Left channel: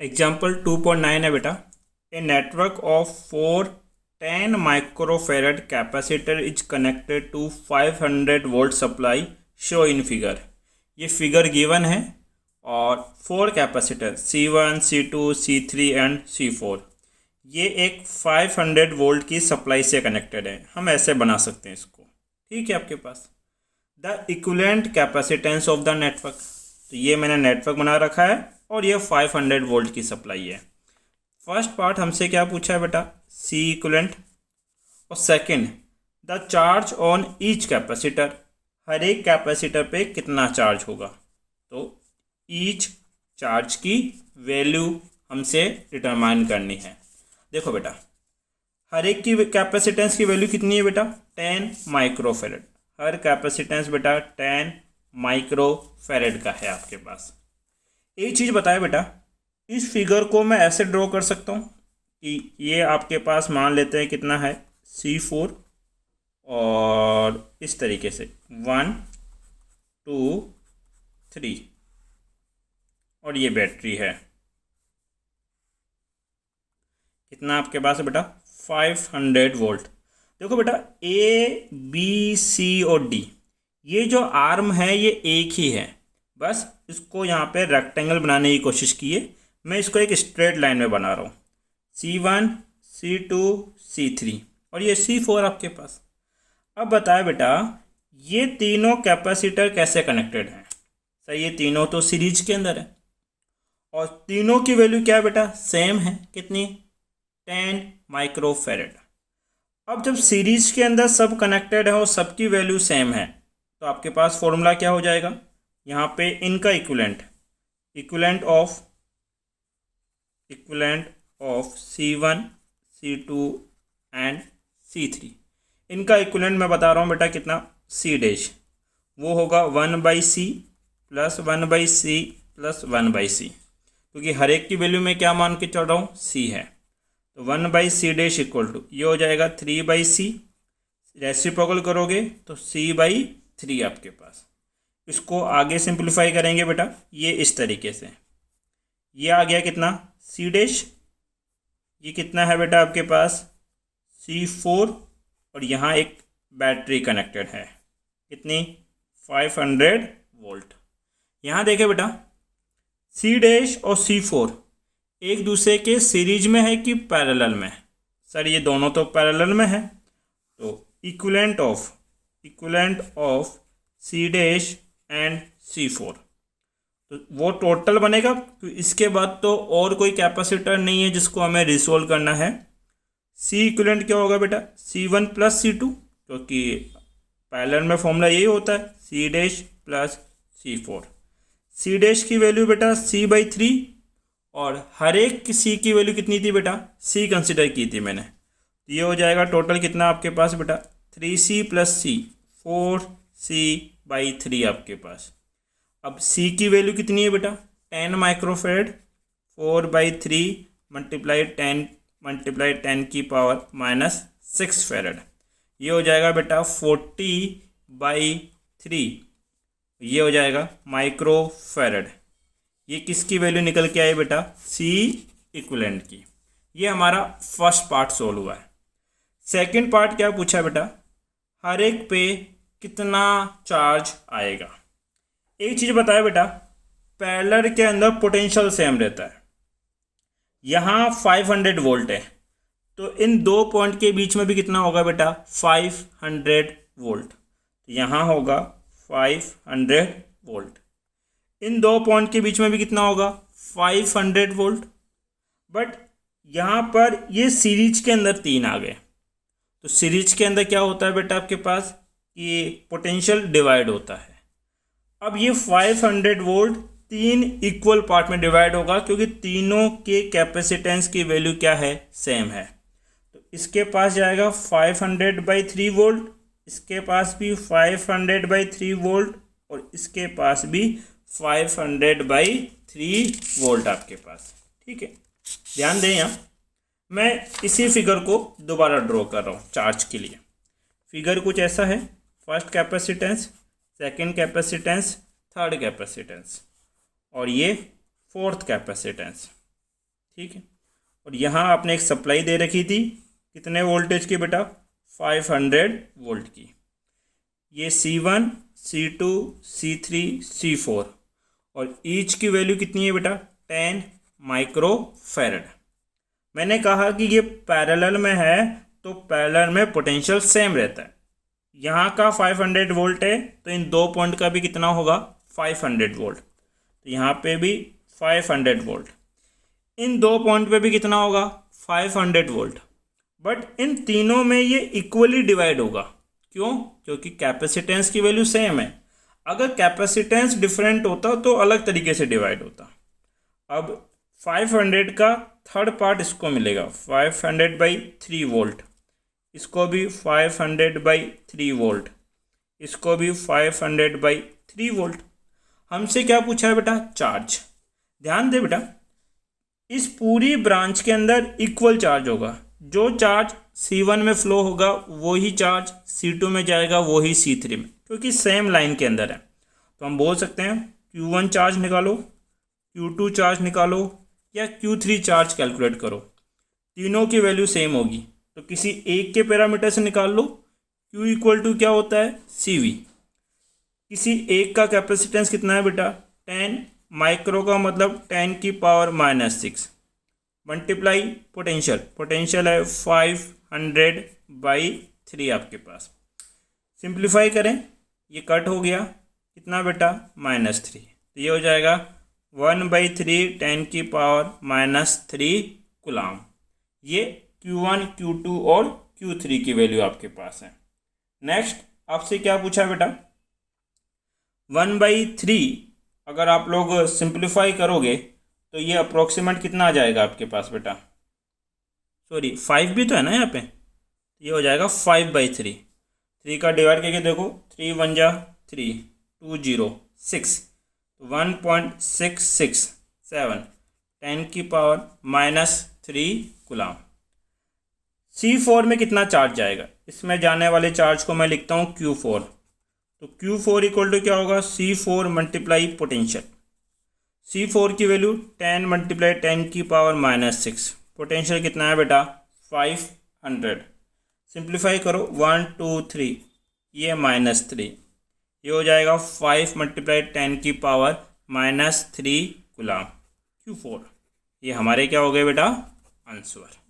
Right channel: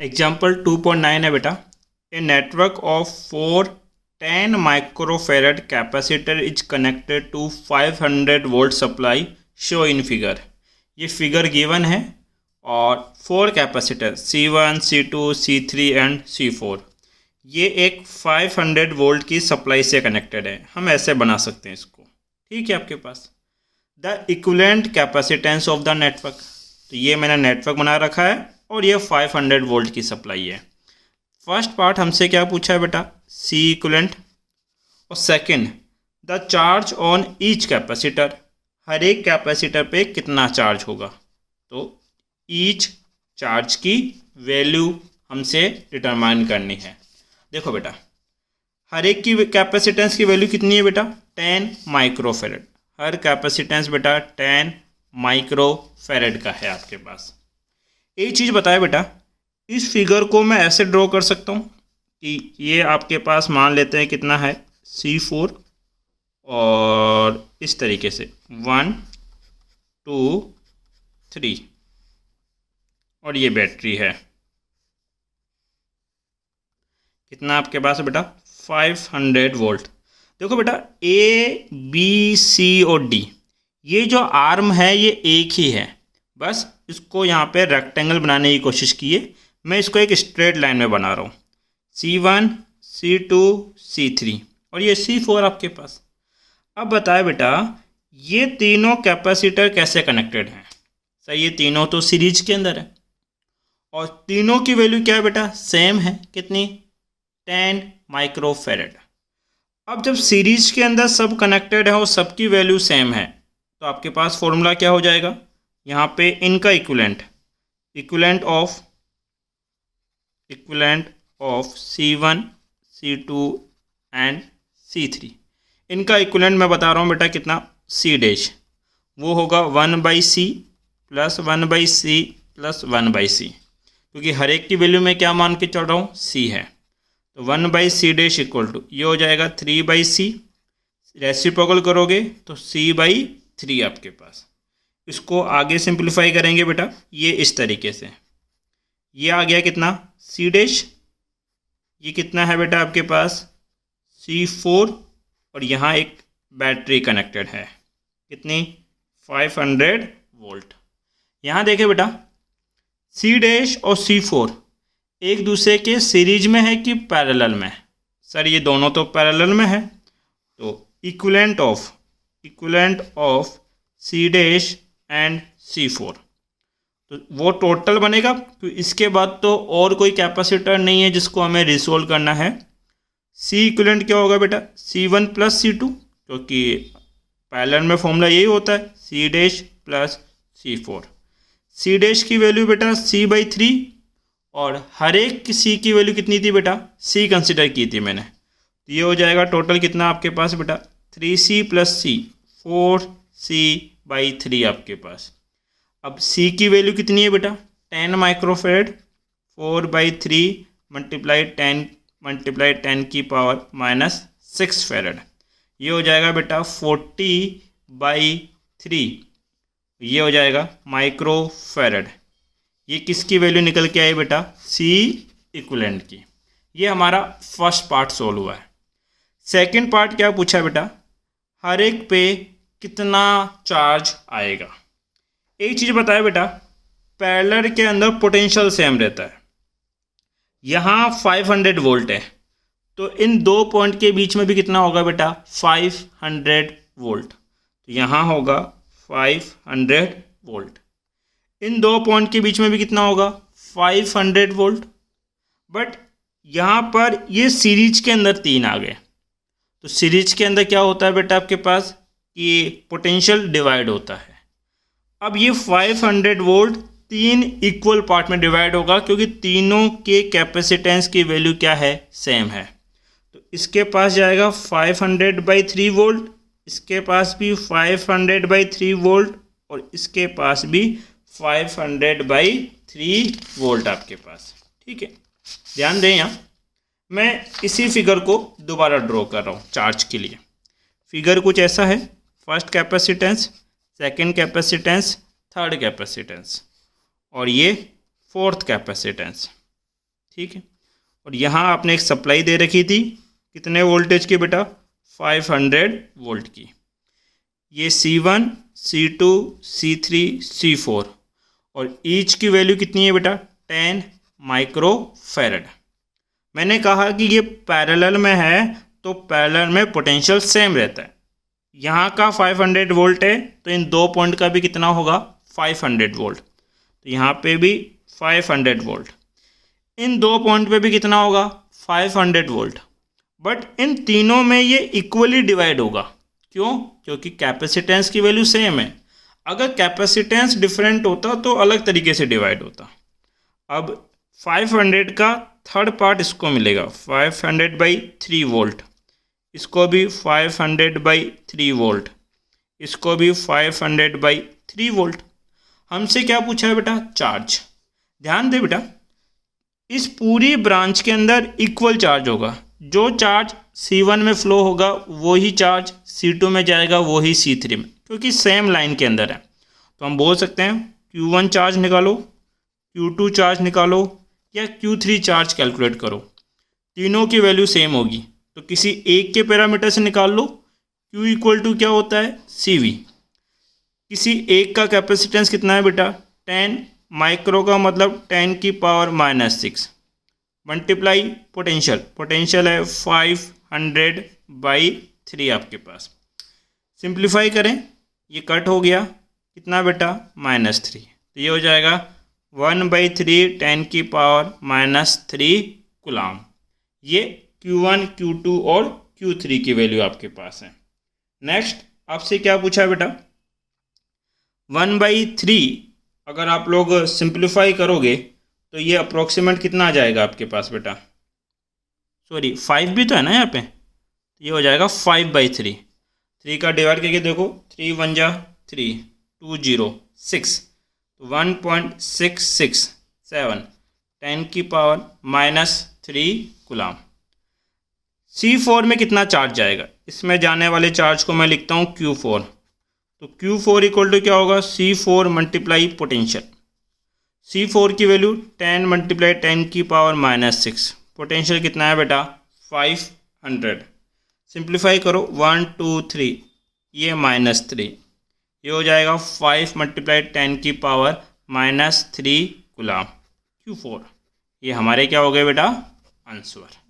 Example 2.9 है बेटा। A network of 10 microfarad capacitor is connected to 500 volt supply show in figure. ये figure given है और 4 capacitor C1, C2, C3 and C4 ये एक 500 volt की सप्लाई से कनेक्टेड है। हम ऐसे बना सकते हैं इसको, ठीक है। आपके पास the equivalent capacitance of the network, तो ये मैंने नेटवर्क बना रखा है और ये 500 वोल्ट की सप्लाई है। फर्स्ट पार्ट हमसे क्या पूछा है बेटा, सी इक्विवेलेंट, और second the charge on each capacitor, हर एक कैपेसिटर पे कितना चार्ज होगा। तो ईच चार्ज की वैल्यू हमसे डिटरमाइन करनी है। देखो बेटा, हर एक की कैपेसिटेंस की वैल्यू कितनी है बेटा, 10 माइक्रोफेरेड। हर कैपेसिटेंस बेटा 10 माइक्रोफेरेड का है आपके पास। एक चीज़ बताया बेटा, इस फिगर को मैं ऐसे ड्रॉ कर सकता हूँ कि ये आपके पास मान लेते हैं कितना है C4, और इस तरीके से 1 2 3, और ये बैटरी है। कितना आपके पास है बेटा, 500 वोल्ट। देखो बेटा, A B C और D ये जो आर्म है ये एक ही है, बस इसको यहाँ पे रेक्टेंगल बनाने की कोशिश कीजिए। मैं इसको एक स्ट्रेट लाइन में बना रहा हूँ, C1 C2 C3 और ये C4 आपके पास। अब बताए बेटा, ये तीनों कैपेसिटर कैसे कनेक्टेड हैं। सही, ये तीनों तो सीरीज के अंदर है और तीनों की वैल्यू क्या है बेटा, सेम है। कितनी, 10 माइक्रोफेरेड। अब जब सीरीज के अंदर सब कनेक्टेड है और सबकी वैल्यू सेम है, तो आपके पास फॉर्मूला क्या हो जाएगा, यहाँ पे इनका equivalent of C1 C2 and C3, इनका इक्विवेलेंट मैं बता रहा हूँ बेटा कितना, C डैश, वो होगा 1/C plus 1/C plus 1/C, क्योंकि हर एक की वैल्यू में क्या मान के चल रहा हूँ, C है। तो 1/C डैश इक्वल टू ये हो जाएगा 3/C, रेसिप्रोकल करोगे तो C/3 आपके पास। इसको आगे सिंप्लीफाई करेंगे बेटा, ये इस तरीके से, ये आ गया कितना, C डैश, ये कितना है बेटा आपके पास C4, और यहाँ एक बैटरी कनेक्टेड है, कितनी, 500 वोल्ट। यहाँ देखें बेटा, C डैश और C4 एक दूसरे के सीरीज में है कि पैरेलल में। सर ये दोनों तो पैरेलल में है, तो equivalent of C dash and C4, तो वो टोटल बनेगा। तो इसके बाद तो और कोई कैपेसिटर नहीं है जिसको हमें रिसोल्व करना है। C इक्विवेलेंट क्या होगा बेटा, C1 प्लस C2, क्योंकि पैरेलल में फॉर्मूला यही होता है, C dash plus C4। C dash की वैल्यू बेटा C/3, और हर एक की C की वैल्यू कितनी थी बेटा, C कंसिडर की थी मैंने। ये हो जाएगा टोटल कितना आपके पास बेटा, 3C प्लस C, 4C/3 आपके पास। अब C की वैल्यू कितनी है बेटा, 10 माइक्रोफेरेड, 4/3 मल्टीप्लाई 10 की पावर -6 फेरेड। ये हो जाएगा बेटा 40/3, ये हो जाएगा माइक्रोफेरेड। ये किसकी वैल्यू निकल के आई बेटा, C इक्विवेलेंट की। ये हमारा फर्स्ट पार्ट सोल्व हुआ है। सेकंड पार्ट क्या पूछा है बेटा, हर एक पे कितना चार्ज आएगा। एक चीज़ बताया बेटा, पैरेलल के अंदर पोटेंशियल सेम रहता है। यहाँ 500 वोल्ट है, तो इन दो पॉइंट के बीच में भी कितना होगा बेटा, 500 वोल्ट। तो यहाँ होगा 500 वोल्ट। इन दो पॉइंट के बीच में भी कितना होगा, 500 वोल्ट। बट यहाँ पर ये सीरीज के अंदर 3 आ गए, तो सीरीज के अंदर क्या होता है बेटा आपके पास, ये पोटेंशियल डिवाइड होता है। अब ये 500 वोल्ट 3 इक्वल पार्ट में डिवाइड होगा, क्योंकि तीनों के कैपेसिटेंस की वैल्यू क्या है, सेम है। तो इसके पास जाएगा 500/3 वोल्ट, इसके पास भी 500/3 वोल्ट, और इसके पास भी 500/3 वोल्ट आपके पास, ठीक है। ध्यान दें, यहाँ मैं इसी फिगर को दोबारा ड्रॉ कर रहा हूँ चार्ज के लिए। फिगर कुछ ऐसा है, first capacitance, second capacitance, third capacitance, और ये फोर्थ कैपेसिटेंस। ठीक है। और यहाँ आपने एक सप्लाई दे रखी थी कितने वोल्टेज की बेटा, 500 वोल्ट की। ये C1, C2, C3, C4 और ईच की वैल्यू कितनी है बेटा, 10 माइक्रोफैरड। मैंने कहा कि ये पैरेलल में है तो पैरेलल में पोटेंशियल सेम रहता है। यहाँ का 500 वोल्ट है तो इन दो पॉइंट का भी कितना होगा, 500 वोल्ट। तो यहाँ पे भी 500 वोल्ट, इन दो पॉइंट पे भी कितना होगा, 500 वोल्ट। बट इन तीनों में ये इक्वली डिवाइड होगा। क्यों? क्योंकि कैपेसिटेंस की वैल्यू सेम है। अगर कैपेसिटेंस डिफरेंट होता तो अलग तरीके से डिवाइड होता। अब 500 का थर्ड पार्ट इसको मिलेगा 500/3 वोल्ट, इसको भी 500/3 वोल्ट, इसको भी 500/3 वोल्ट। हमसे क्या पूछा है बेटा, चार्ज। ध्यान दे बेटा, इस पूरी ब्रांच के अंदर इक्वल चार्ज होगा। जो चार्ज C1 में फ्लो होगा वही चार्ज C2 में जाएगा, वही C3 में, क्योंकि सेम लाइन के अंदर है। तो हम बोल सकते हैं Q1 चार्ज निकालो, Q2 चार्ज निकालो या Q3 चार्ज कैलकुलेट करो, तीनों की वैल्यू सेम होगी। तो किसी एक के पैरामीटर से निकाल लो। Q इक्वल टू क्या होता है, CV। किसी एक का कैपेसिटेंस कितना है बेटा, 10 माइक्रो का मतलब 10⁻⁻6 मल्टीप्लाई पोटेंशियल, पोटेंशियल है 500/3 आपके पास। सिंप्लीफाई करें, ये कट हो गया, कितना बेटा, -3। तो ये हो जाएगा 1/3 10⁻⁻3 कूलाम। ये Q1, Q2 और Q3 की वैल्यू आपके पास है। नेक्स्ट आपसे क्या पूछा है बेटा, 1/3 अगर आप लोग सिंप्लीफाई करोगे तो ये अप्रोक्सीमेट कितना आ जाएगा आपके पास बेटा, सॉरी 5 भी तो है ना यहाँ पे, ये हो जाएगा 5/3। 3 का डिवाइड करके देखो, 3 1 जा 3, 2 0 6, 1.667 10⁻⁻3 कूलाम। C4 में कितना चार्ज जाएगा, इसमें जाने वाले चार्ज को मैं लिखता हूँ Q4। तो Q4 इक्वल टू क्या होगा, C4 मल्टीप्लाई पोटेंशियल। C4 की वैल्यू 10 × 10⁻⁻6, पोटेंशियल कितना है बेटा, 500। सिंप्लीफाई करो, 1 2 3, ये -3, ये हो जाएगा 5 × 10⁻⁻3 कूलाम Q4। ये हमारे क्या हो गए बेटा, आंसर।